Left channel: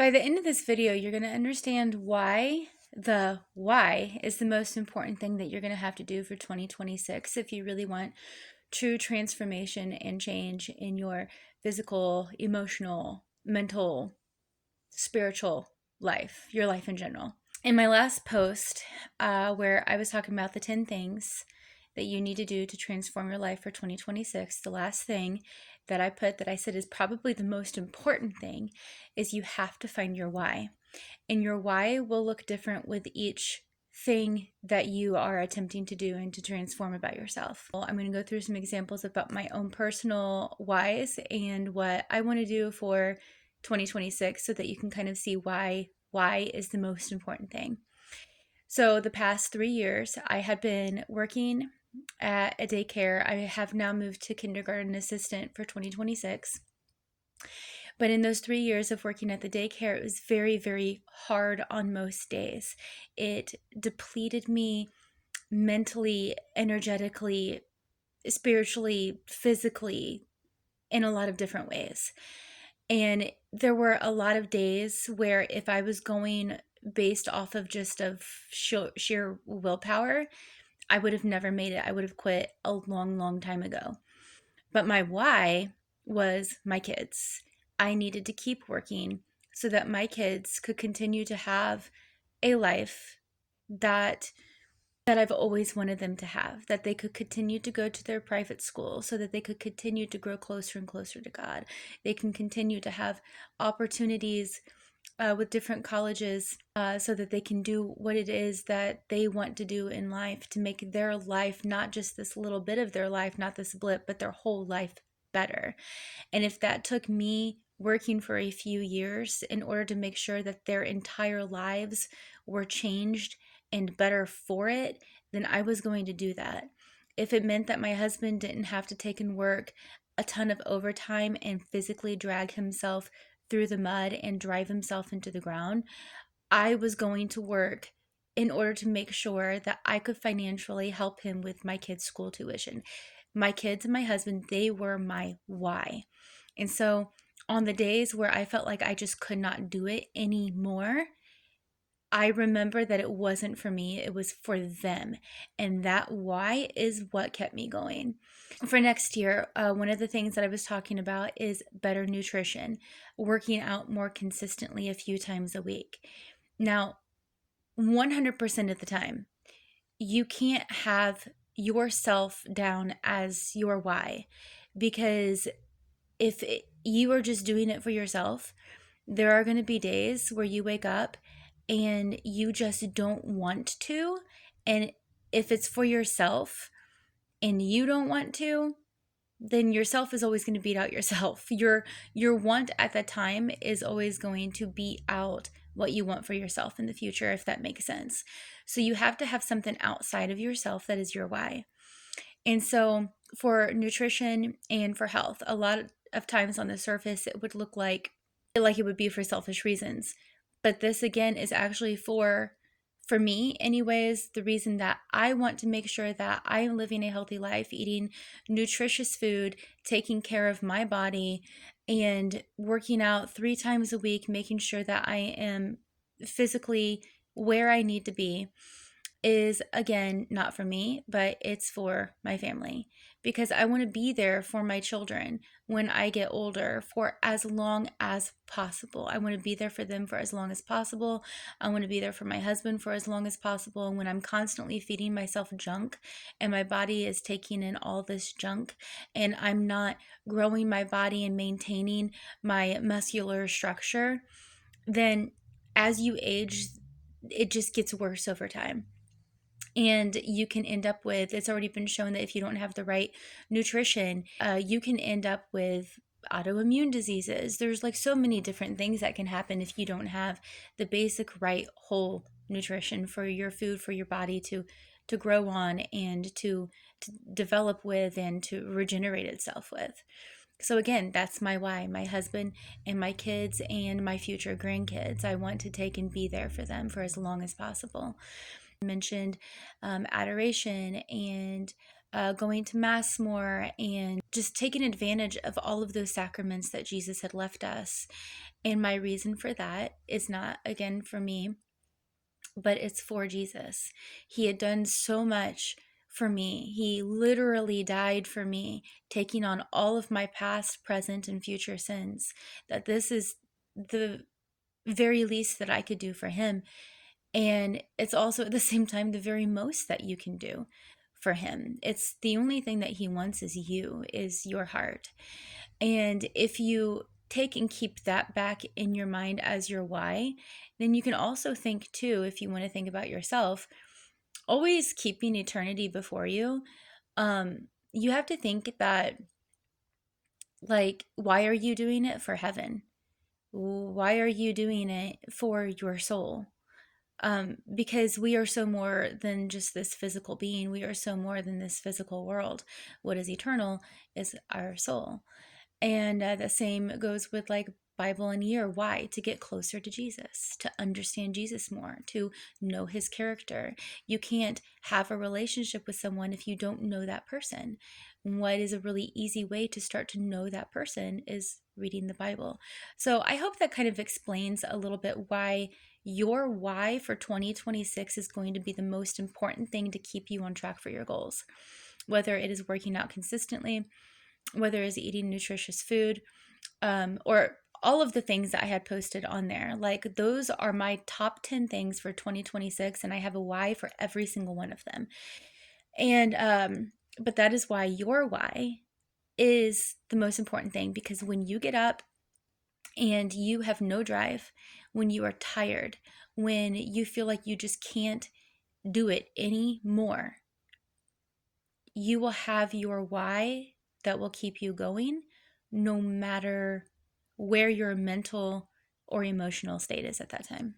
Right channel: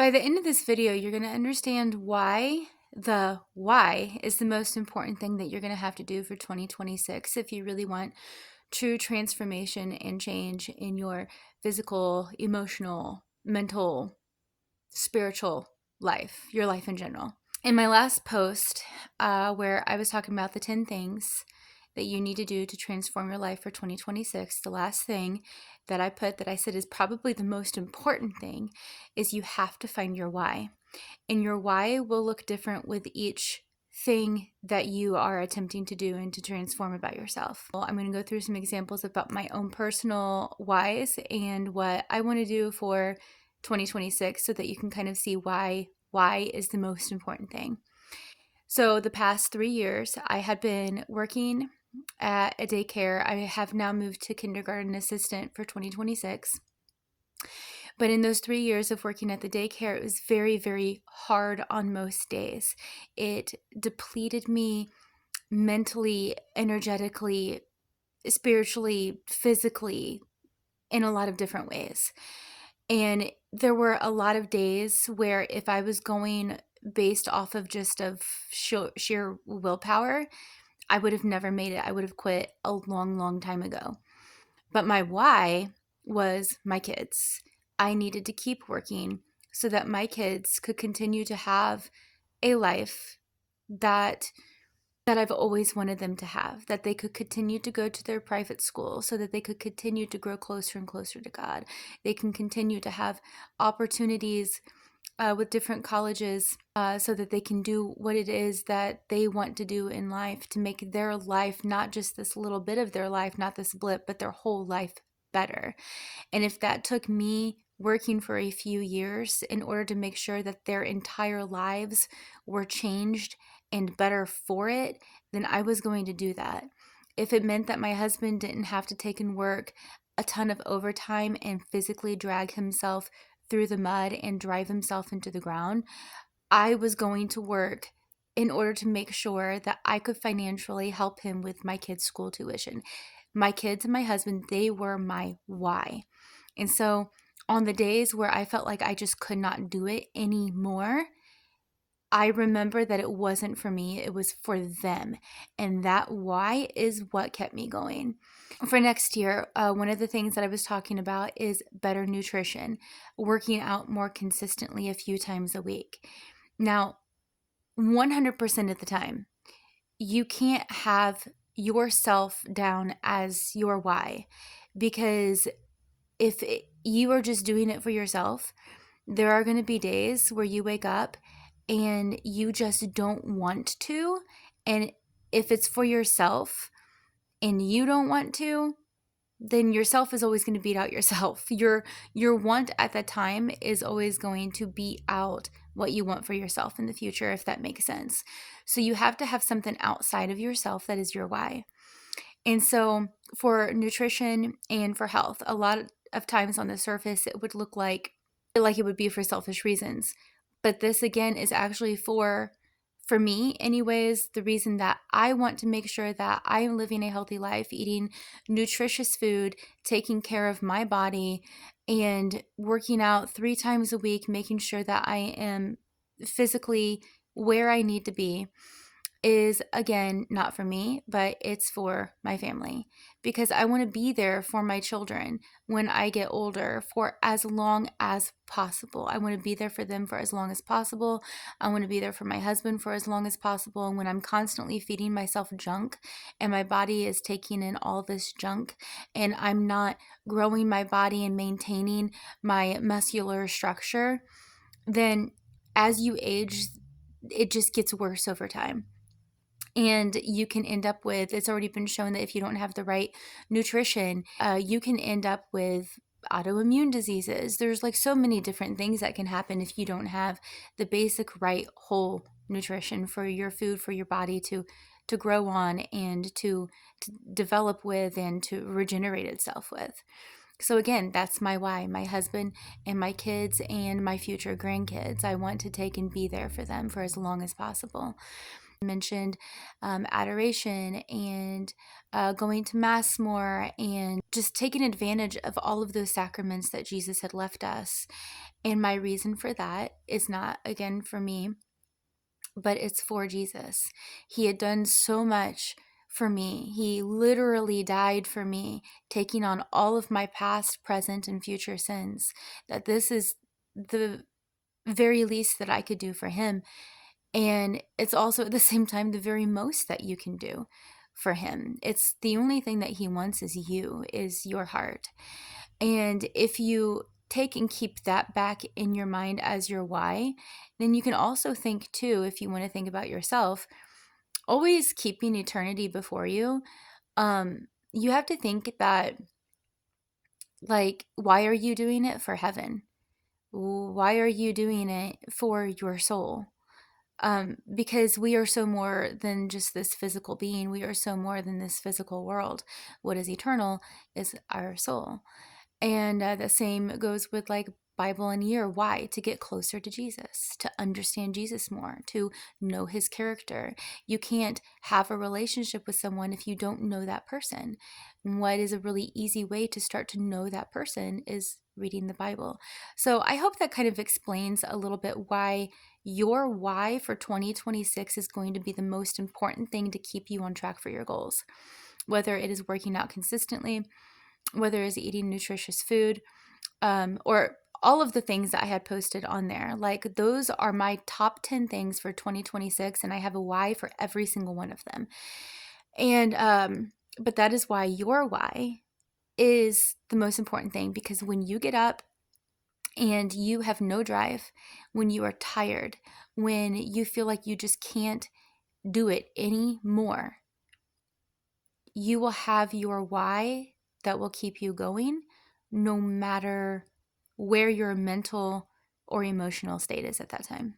By the end of this video, you're going to understand why the why is the most important thing that you're going to have to do for 2026 if you really want true transformation and change in your physical, emotional, mental, spiritual life, your life in general. In my last post, where I was talking about the 10 things that you need to do to transform your life for 2026, the last thing that I put that I said is probably the most important thing is you have to find your why. And your why will look different with each thing that you are attempting to do and to transform about yourself. I'm going to go through some examples about my own personal whys and what I want to do for 2026 so that you can kind of see why is the most important thing. So the past 3 years, I had been working at a daycare. I have now moved to kindergarten assistant for 2026. But in those 3 years of working at the daycare, it was very, very hard on most days. It depleted me mentally, energetically, spiritually, physically, in a lot of different ways. And there were a lot of days where if I was going based off of just of sheer willpower, I would have never made it. I would have quit a long, long time ago. But my why was my kids. I needed to keep working so that my kids could continue to have a life that I've always wanted them to have, that they could continue to go to their private school so that they could continue to grow closer and closer to God. They can continue to have opportunities with different colleges so that they can do what it is that they want to do in life to make their life, not just this little bit of their life, not this blip, but their whole life better. And if that took me working for a few years in order to make sure that their entire lives were changed and better for it, then I was going to do that. If it meant that my husband didn't have to take and work a ton of overtime and physically drag himself through the mud and drive himself into the ground, I was going to work in order to make sure that I could financially help him with my kids' school tuition. My kids and my husband, they were my why. And so on the days where I felt like I just could not do it anymore, I remember that it wasn't for me, it was for them. And that why is what kept me going. For next year, one of the things that I was talking about is better nutrition, working out more consistently a few times a week. Now, 100% of the time, you can't have yourself down as your why, because if you are just doing it for yourself, there are going to be days where you wake up and you just don't want to. And if it's for yourself and you don't want to, then yourself is always going to beat out yourself. Your want at that time is always going to beat out what you want for yourself in the future, if that makes sense. So you have to have something outside of yourself that is your why. And so for nutrition and for health, a lot of times on the surface, it would look like it would be for selfish reasons. But this again is actually for me anyways, the reason that I want to make sure that I am living a healthy life, eating nutritious food, taking care of my body, and working out 3 times a week, making sure that I am physically where I need to be, is again not for me, but it's for my family, because I want to be there for my children when I get older for as long as possible. I want to be there for them for as long as possible. I want to be there for my husband for as long as possible. And when I'm constantly feeding myself junk and my body is taking in all this junk and I'm not growing my body and maintaining my muscular structure, then as you age, it just gets worse over time. And you can end up with, it's already been shown that if you don't have the right nutrition, you can end up with autoimmune diseases. There's like so many different things that can happen if you don't have the basic right whole nutrition for your food, for your body to grow on and to develop with and to regenerate itself with. So again, that's my why, my husband and my kids and my future grandkids. I want to take and be there for them for as long as possible. Mentioned adoration and going to mass more and just taking advantage of all of those sacraments that Jesus had left us. And my reason for that is not, again, for me, but it's for Jesus. He had done so much for me. He literally died for me, taking on all of my past, present, and future sins. That this is the very least that I could do for him. And it's also at the same time the very most that you can do for him. It's the only thing that he wants is your heart. And if you take and keep that back in your mind as your why, then you can also think too, if you want to think about yourself, always keeping eternity before you. You have to think that, like, why are you doing it for heaven? Why are you doing it for your soul? Because we are so more than just this physical being. We are so more than this physical world. What is eternal is our soul. And the same goes with like Bible and year. Why? To get closer to Jesus, to understand Jesus more, to know his character. You can't have a relationship with someone if you don't know that person. What is a really easy way to start to know that person is reading the Bible. So I hope that kind of explains a little bit why your why for 2026 is going to be the most important thing to keep you on track for your goals. Whether it is working out consistently, whether it's eating nutritious food, or all of the things that I had posted on there. Like, those are my top 10 things for 2026, and I have a why for every single one of them. And, but that is why your why is the most important thing, because when you get up and you have no drive, when you are tired, when you feel like you just can't do it anymore, you will have your why that will keep you going no matter where your mental or emotional state is at that time.